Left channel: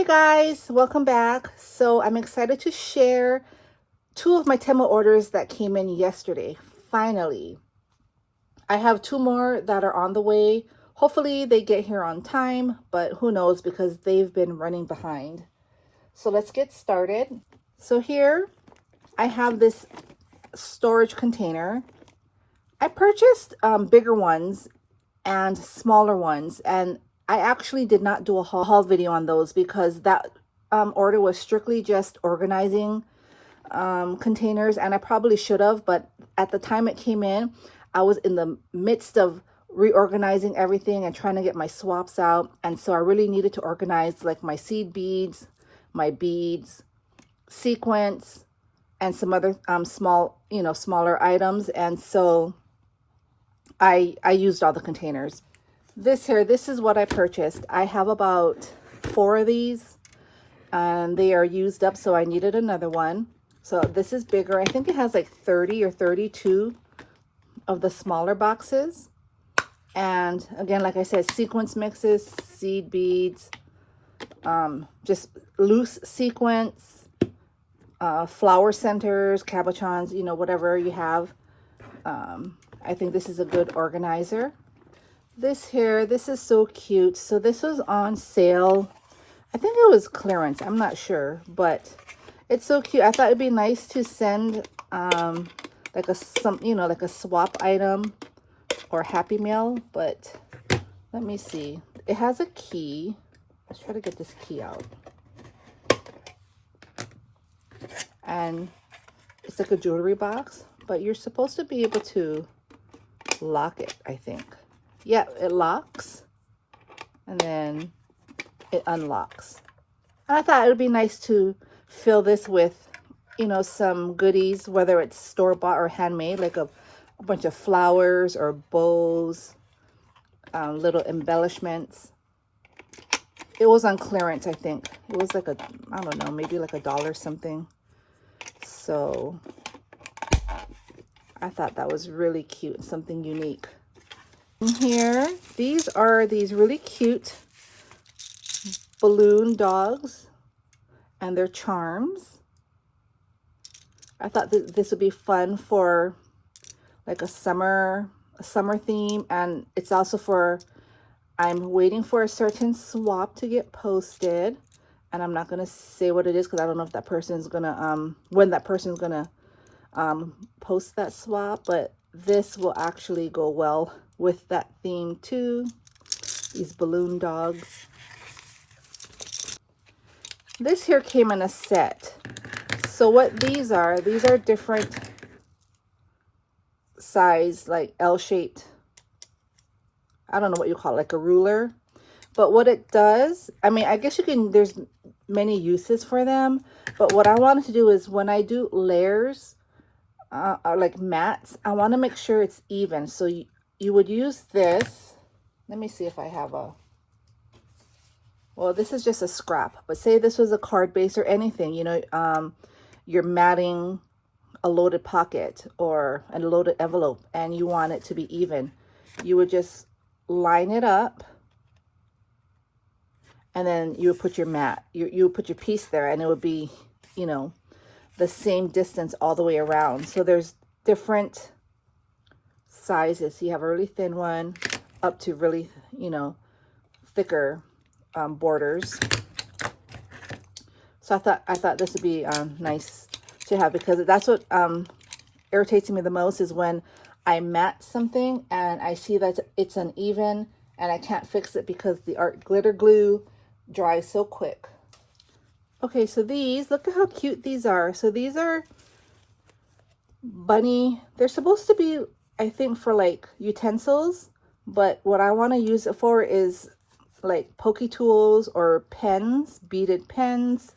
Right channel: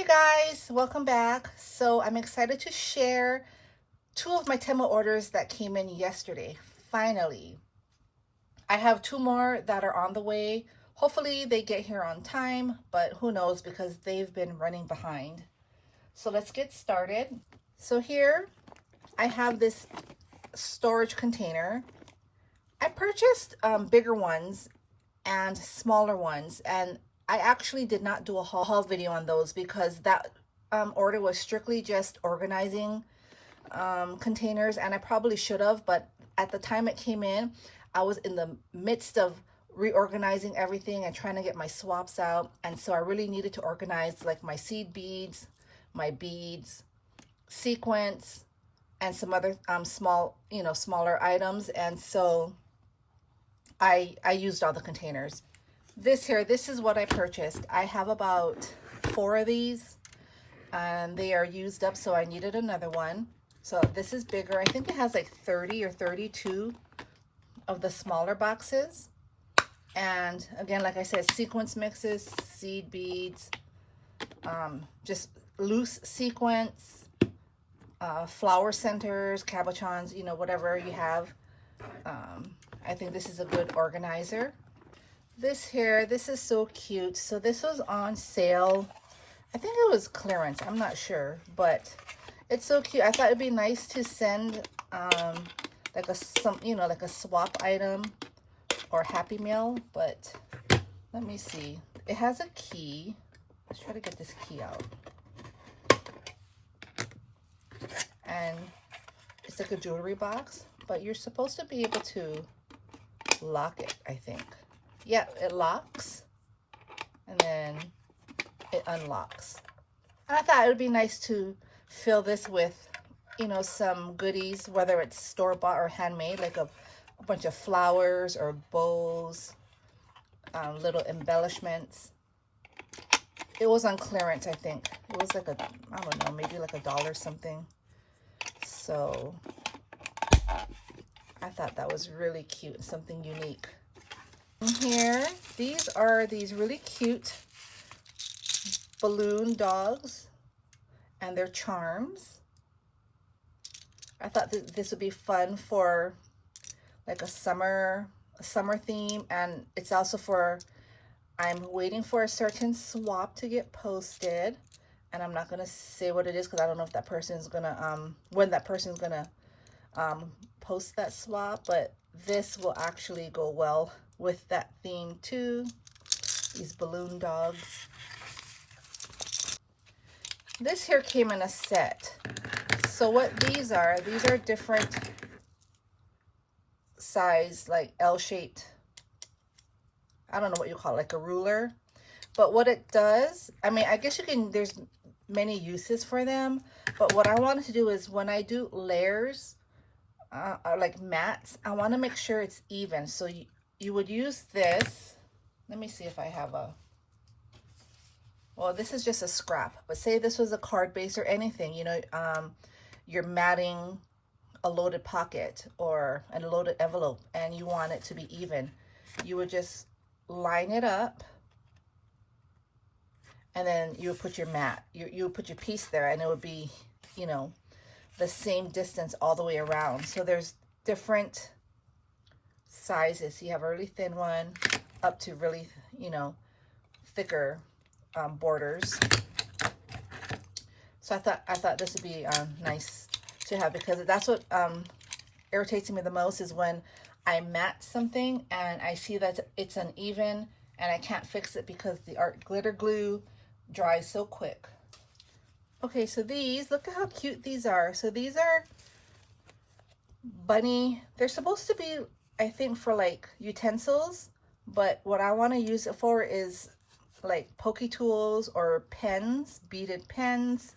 Hey guys, welcome back. So I'm excited to share two of my Temu orders that came in yesterday. Finally, I have two more that are on the way. Hopefully they get here on time, but who knows because they've been running behind. So let's get started. So here I have this storage container. I purchased bigger ones and smaller ones, and I actually did not do a haul video on those because that order was strictly just organizing containers, and I probably should have, but at the time it came in, I was in the midst of reorganizing everything and trying to get my swaps out, and so I really needed to organize like my seed beads, my beads, sequins, and some other smaller items, and so I used all the containers. This is what I purchased. I have about 4 of these and they are used up, so I needed another one. So this is bigger. I think it has like 30 or 32 of the smaller boxes. And again, like I said, sequence mixes, seed beads, just loose sequence, flower centers, cabochons, whatever you have. I think this is a good organizer. This is so cute. So this was on sale. I think it was clearance. I'm not sure, but it's so cute. I thought it'd be nice to send like a swap item or Happy Meal, but let me see. It has a key. Let's try to get this key out. And it's like a jewelry box, but you're supposed to be able to lock it, I think. Yeah, it locks and then it unlocks. And I thought it would be nice to fill this with, some goodies, whether it's store-bought or handmade, like a bunch of flowers or bows, little embellishments. It was on clearance, I think. It was like I don't know, maybe like $1 something. So I thought that was really cute, something unique. Here, these are these really cute balloon dogs and their charms. I thought that this would be fun for like a summer theme, and it's also for, I'm waiting for a certain swap to get posted, and I'm not gonna say what it is because I don't know if that person's gonna when that person's gonna post that swap, but this will actually go well with that theme too. These balloon dogs. This here came in a set. So what these are different size, like L-shaped, I don't know what you call it, like a ruler. But what it does, I mean, I guess you can, there's many uses for them, but what I wanted to do is when I do layers, like mats, I want to make sure it's even. So you would use this. Let me see if I have well, this is just a scrap, but say this was a card base or anything, you're matting a loaded pocket or a loaded envelope and you want it to be even. You would just line it up and then you would put your mat, you would put your piece there, and it would be, the same distance all the way around. So there's different sizes. You have a really thin one up to really, thicker borders. So I thought this would be nice to have, because that's what irritates me the most is when I mat something and I see that it's uneven and I can't fix it because the art glitter glue dries so quick. Okay, so these, look at how cute these are. So these are bunny. They're supposed to be, I think, for like utensils, but what I want to use it for is like pokey tools or pens, beaded pens,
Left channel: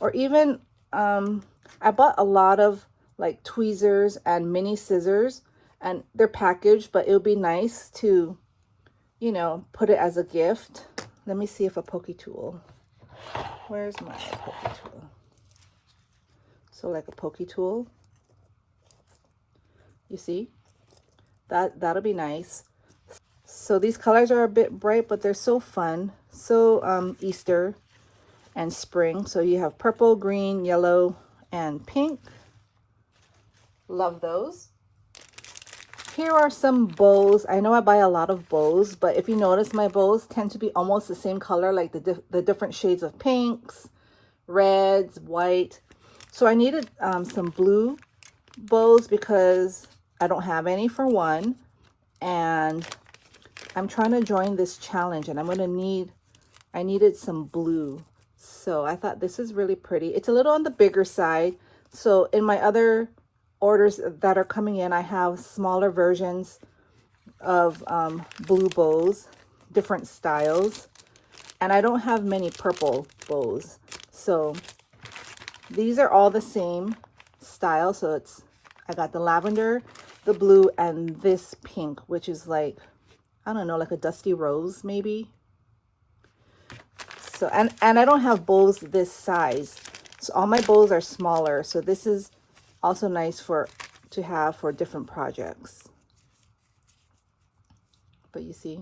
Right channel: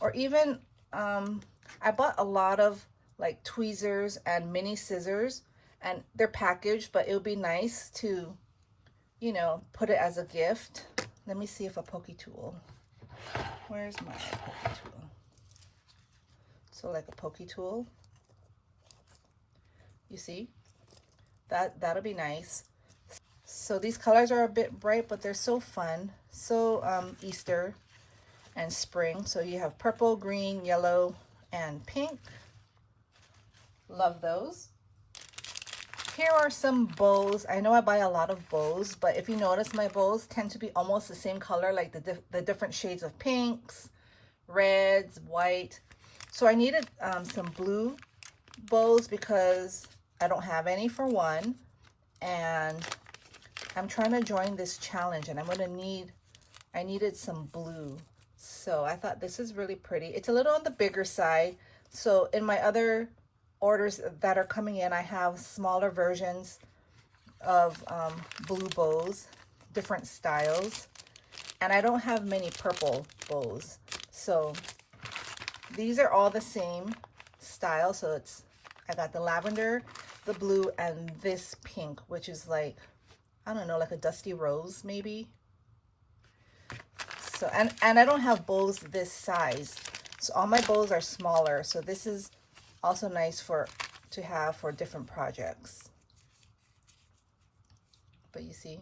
or even I bought a lot of like tweezers and mini scissors, and they're packaged, but it would be nice to, put it as a gift. Let me see if a pokey tool, where's my pokey tool? So like a pokey tool, you see, that'll be nice. So these colors are a bit bright, but they're so fun, so Easter. and spring. So you have purple, green, yellow, and pink. Love those. Here are some bows. I know I buy a lot of bows, but if you notice, my bows tend to be almost the same color, like the different shades of pinks, reds, white. So I needed some blue bows because I don't have any, for one, and I'm trying to join this challenge, and I needed some blue. So I thought this is really pretty. It's a little on the bigger side. So in my other orders that are coming in, I have smaller versions of blue bows, different styles, and I don't have many purple bows. So these are all the same style. So I got the lavender, the blue, and this pink, which is like, I don't know, like a dusty rose maybe. So and I don't have bows this size, so all my bows are smaller. So this is also nice to have for different projects. But you see,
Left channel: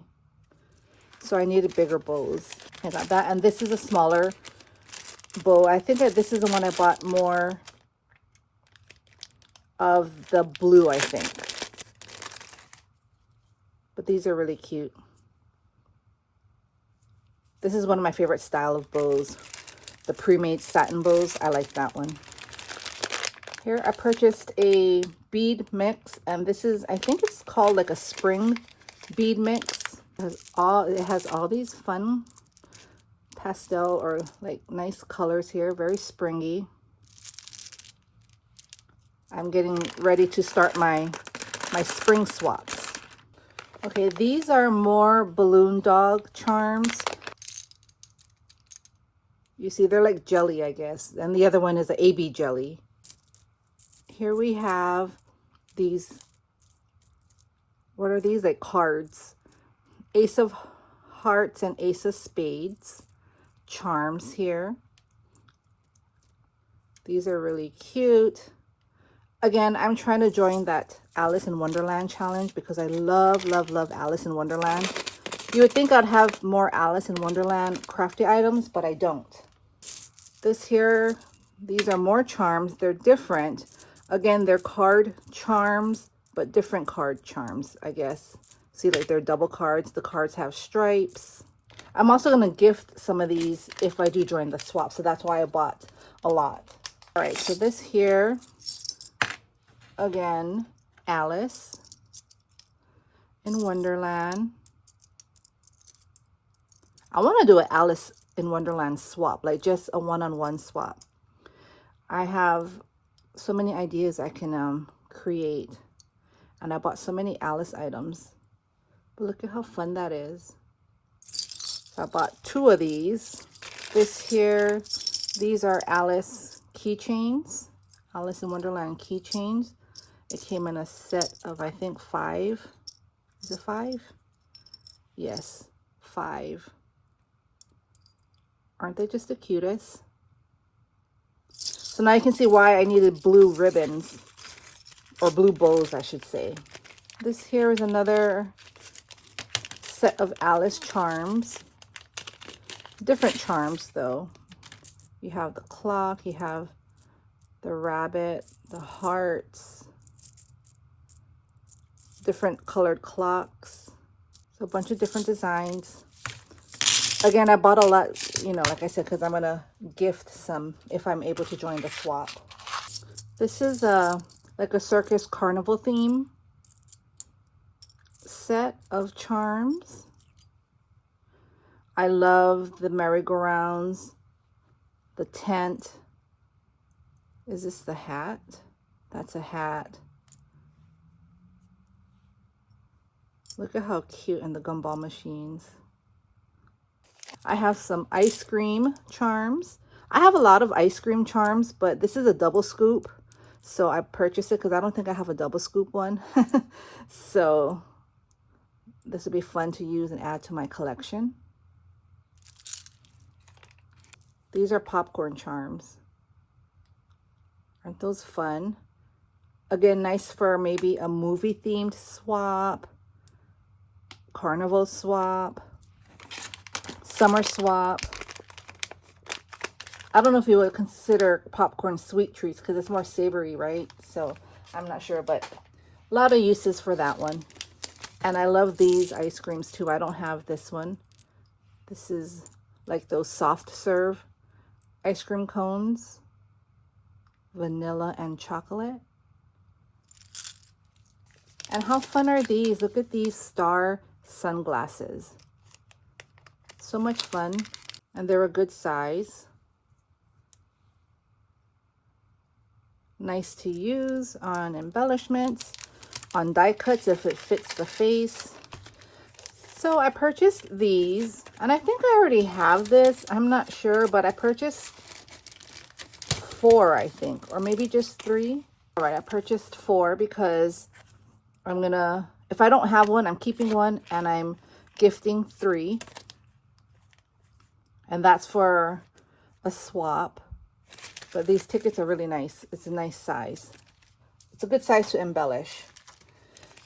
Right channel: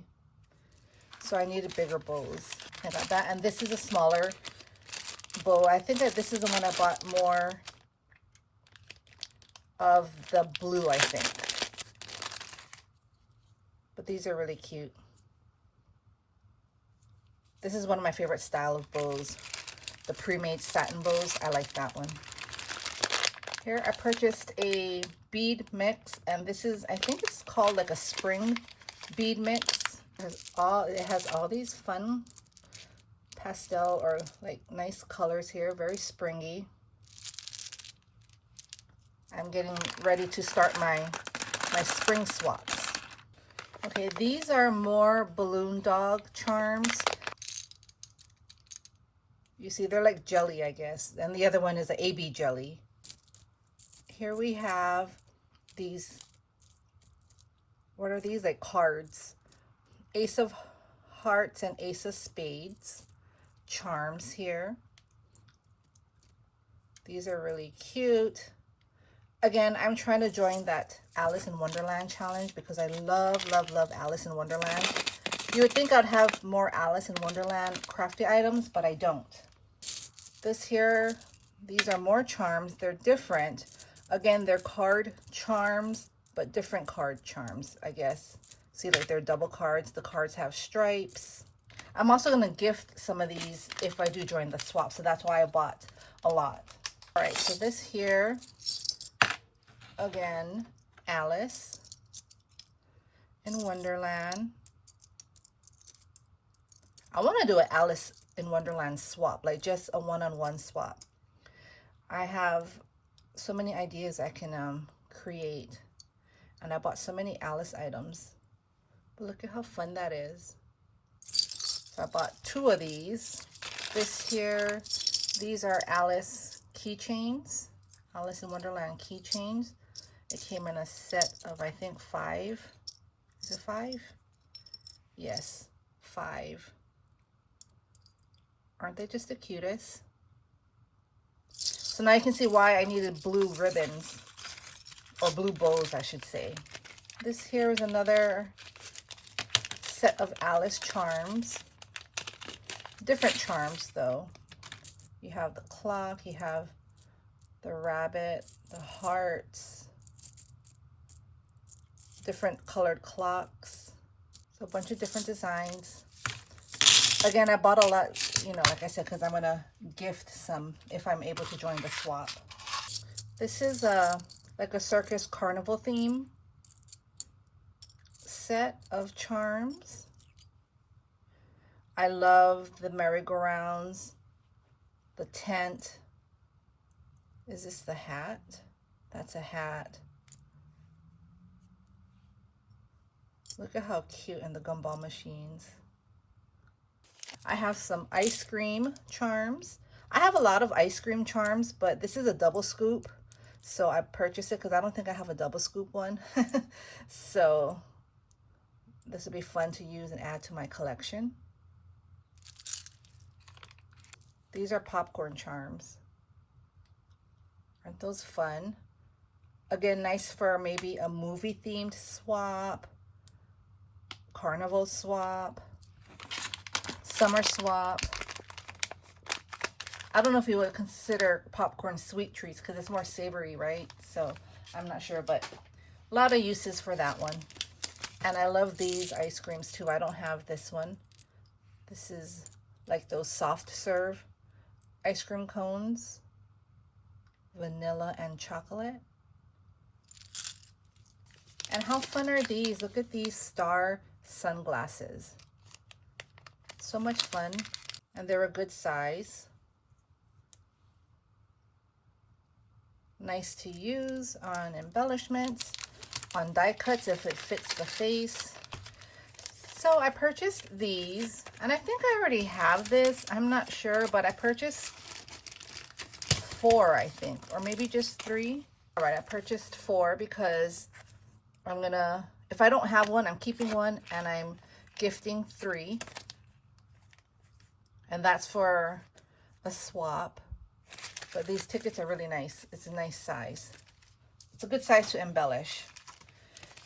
so I needed bigger bows. I got that, and this is a smaller bow. I think that this is the one I bought more of the blue, I think. But these are really cute. This is one of my favorite style of bows, the pre-made satin bows. I like that one. Here I purchased a bead mix, and this is, I think it's called like a spring bead mix. It has all these fun pastel or like nice colors here, very springy. I'm getting ready to start my spring swaps. Okay, these are more balloon dog charms. You see, they're like jelly, I guess. And the other one is the AB jelly. Here we have these, what are these? Like cards. Ace of Hearts and Ace of Spades charms here. These are really cute. Again, I'm trying to join that Alice in Wonderland challenge because I love, love, love Alice in Wonderland. You would think I'd have more Alice in Wonderland crafty items, but I don't. This here, these are more charms. They're different. Again, they're card charms, but different card charms, I guess. See, like they're double cards. The cards have stripes. I'm also going to gift some of these if I do join the swap. So that's why I bought a lot. All right, so this here, again, Alice in Wonderland. I want to do an Alice in Wonderland swap, like just a one-on-one swap. I have so many ideas I can create, and I bought so many Alice items. But look at how fun that is. So I bought 2 of these. This here, these are Alice keychains, Alice in Wonderland keychains. It came in a set of, I think, 5. Is it 5? Yes, 5. Aren't they just the cutest? So now you can see why I needed blue ribbons, or blue bows, I should say. This here is another set of Alice charms. Different charms, though. You have the clock, you have the rabbit, the hearts, different colored clocks. So a bunch of different designs. Again, I bought a lot, you know, like I said, because I'm going to gift some if I'm able to join the swap. This is like a circus carnival theme set of charms. I love the merry-go-rounds, the tent. Is this the hat? That's a hat. Look at how cute, and the gumball machines. I have some ice cream charms. I have a lot of ice cream charms, but this is a double scoop. So I purchased it because I don't think I have a double scoop one. So this would be fun to use and add to my collection. These are popcorn charms. Aren't those fun? Again, nice for maybe a movie themed swap, carnival swap, summer swap. I don't know if you would consider popcorn sweet treats because it's more savory, right? So I'm not sure, but a lot of uses for that one. And I love these ice creams too. I don't have this one. This is like those soft serve ice cream cones, vanilla and chocolate. And how fun are these? Look at these star sunglasses. So much fun. And they're a good size. Nice to use on embellishments, on die cuts if it fits the face. So I purchased these, and I think I already have this. I'm not sure, but I purchased 4, I think, or maybe just 3. All right, I purchased 4 because I'm gonna, if I don't have one, I'm keeping one, and I'm gifting 3. And that's for a swap. But these tickets are really nice. It's a nice size. It's a good size to embellish.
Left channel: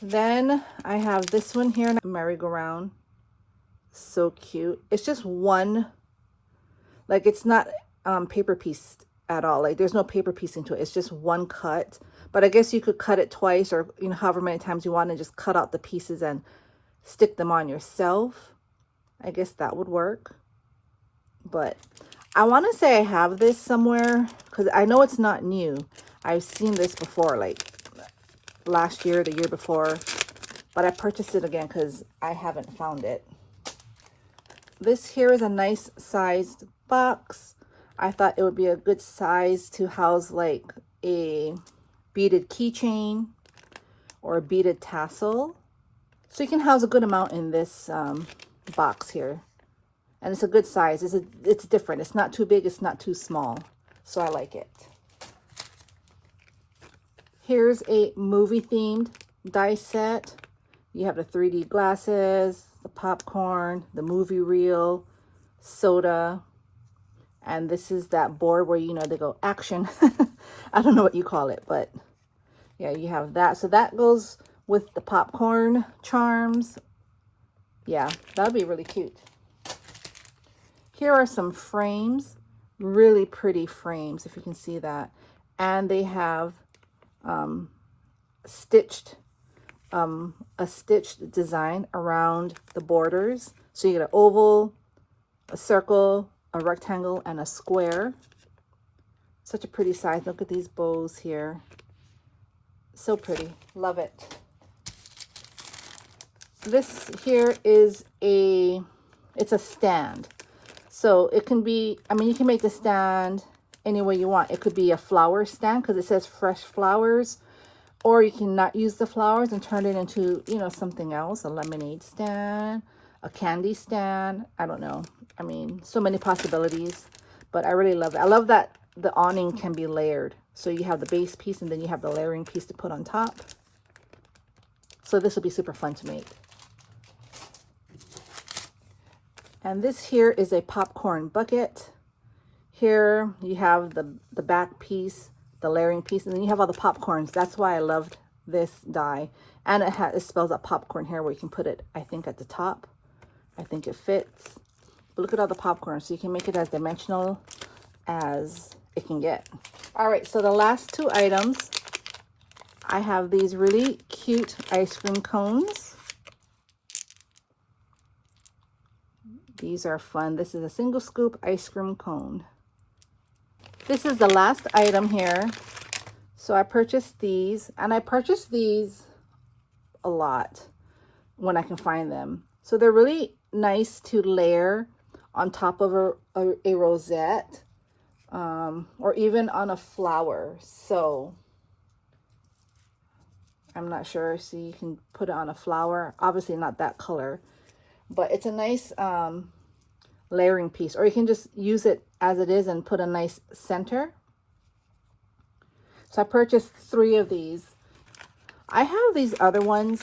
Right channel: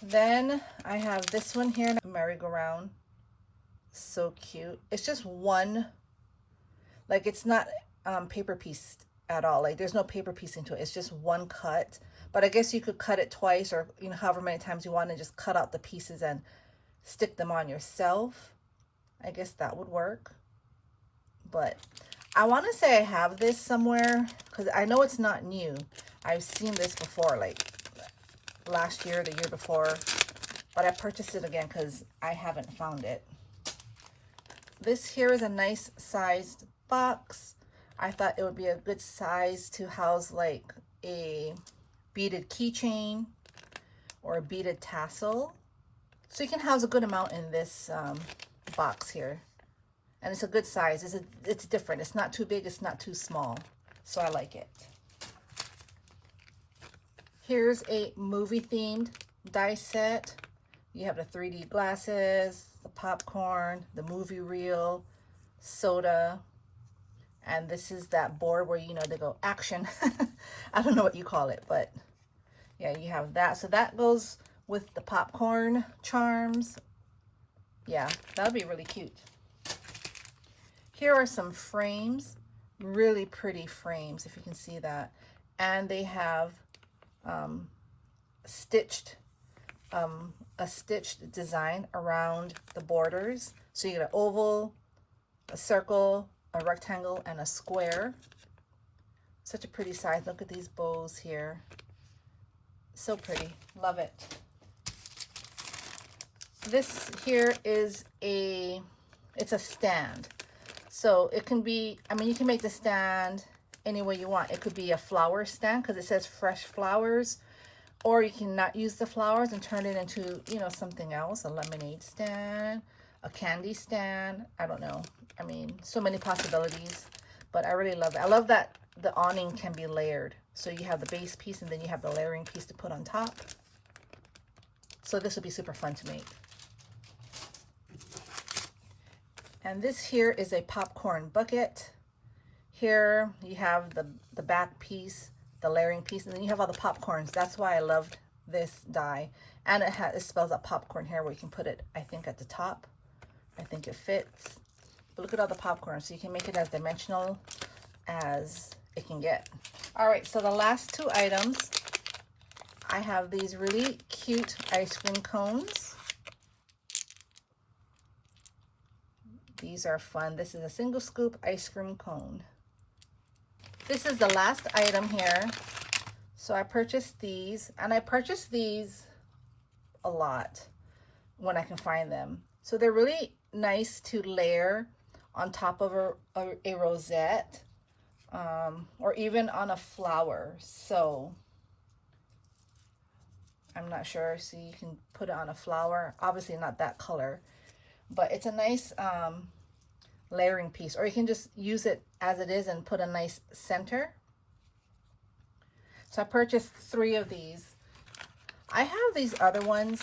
Then I have this one here, merry-go-round. So cute. It's just one, like it's not paper pieced at all. Like there's no paper piecing to it. It's just one cut. But I guess you could cut it twice, or you know, however many times you want, and just cut out the pieces and stick them on yourself. I guess that would work. But I want to say I have this somewhere because I know it's not new. I've seen this before, like last year, the year before, but I purchased it again because I haven't found it. This here is a nice sized box. I thought it would be a good size to house like a beaded keychain or a beaded tassel. So you can house a good amount in this box here. And it's a good size. It's different. It's not too big. It's not too small. So I like it. Here's a movie themed die set. You have the 3D glasses, the popcorn, the movie reel, soda. And this is that board where, you know, they go action. I don't know what you call it, but yeah, you have that. So that goes with the popcorn charms. Yeah, that'll be really cute. Here are some frames, really pretty frames, if you can see that. And they have a stitched design around the borders. So you get an oval, a circle, a rectangle, and a square. Such a pretty size. Look at these bows here. So pretty. Love it. This here is it's a stand. So it can be, I mean, you can make the stand any way you want. It could be a flower stand because it says fresh flowers, or you can not use the flowers and turn it into, you know, something else, a lemonade stand, a candy stand. I don't know. I mean, so many possibilities, but I really love it. I love that the awning can be layered. So you have the base piece and then you have the layering piece to put on top. So this will be super fun to make. And this here is a popcorn bucket. Here you have the back piece, the layering piece, and then you have all the popcorns. That's why I loved this die. And it spells out popcorn here where you can put it, I think, at the top. I think it fits. But look at all the popcorn. So you can make it as dimensional as it can get. All right, so the last 2 items, I have these really cute ice cream cones. These are fun. This is a single scoop ice cream cone. This is the last item here. So I purchased these, and I purchased these a lot when I can find them. So they're really nice to layer on top of a rosette, or even on a flower. So I'm not sure. So you can put it on a flower. Obviously not that color, but it's a nice layering piece, or you can just use it as it is and put a nice center. So I purchased 3 of these. I have these other ones.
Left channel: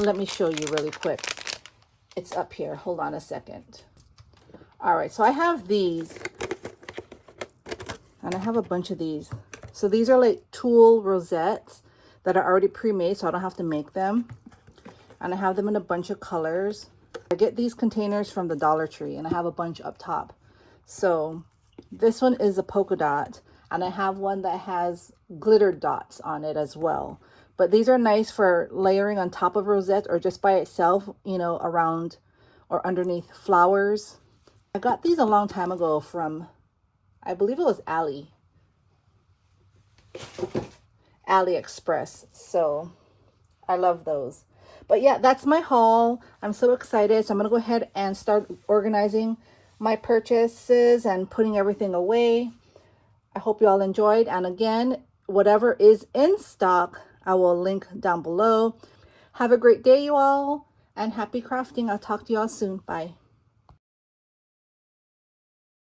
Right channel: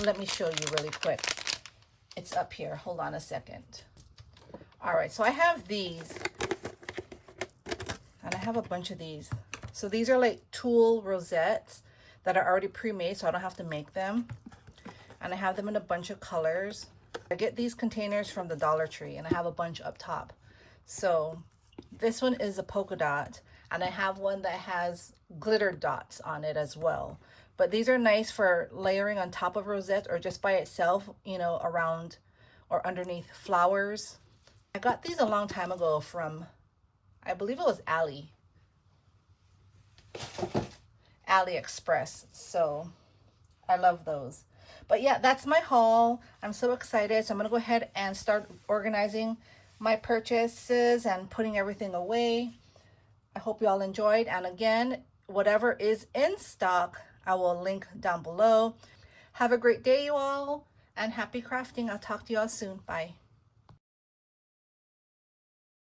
Let me show you really quick. It's up here. Hold on a second. All right, so I have these, and I have a bunch of these. So these are like tulle rosettes that are already pre-made, so I don't have to make them. And I have them in a bunch of colors. I get these containers from the Dollar Tree, and I have a bunch up top. So This one is a polka dot, and I have one that has glitter dots on it as well. But these are nice for layering on top of rosettes or just by itself, you know, around or underneath flowers. I got these a long time ago from, I believe it was AliExpress. So I love those. But yeah, that's my haul. I'm so excited. So I'm going to go ahead and start organizing my purchases and putting everything away. I hope you all enjoyed. And again, whatever is in stock, I will link down below. Have a great day, you all, and happy crafting. I'll talk to you all soon. Bye.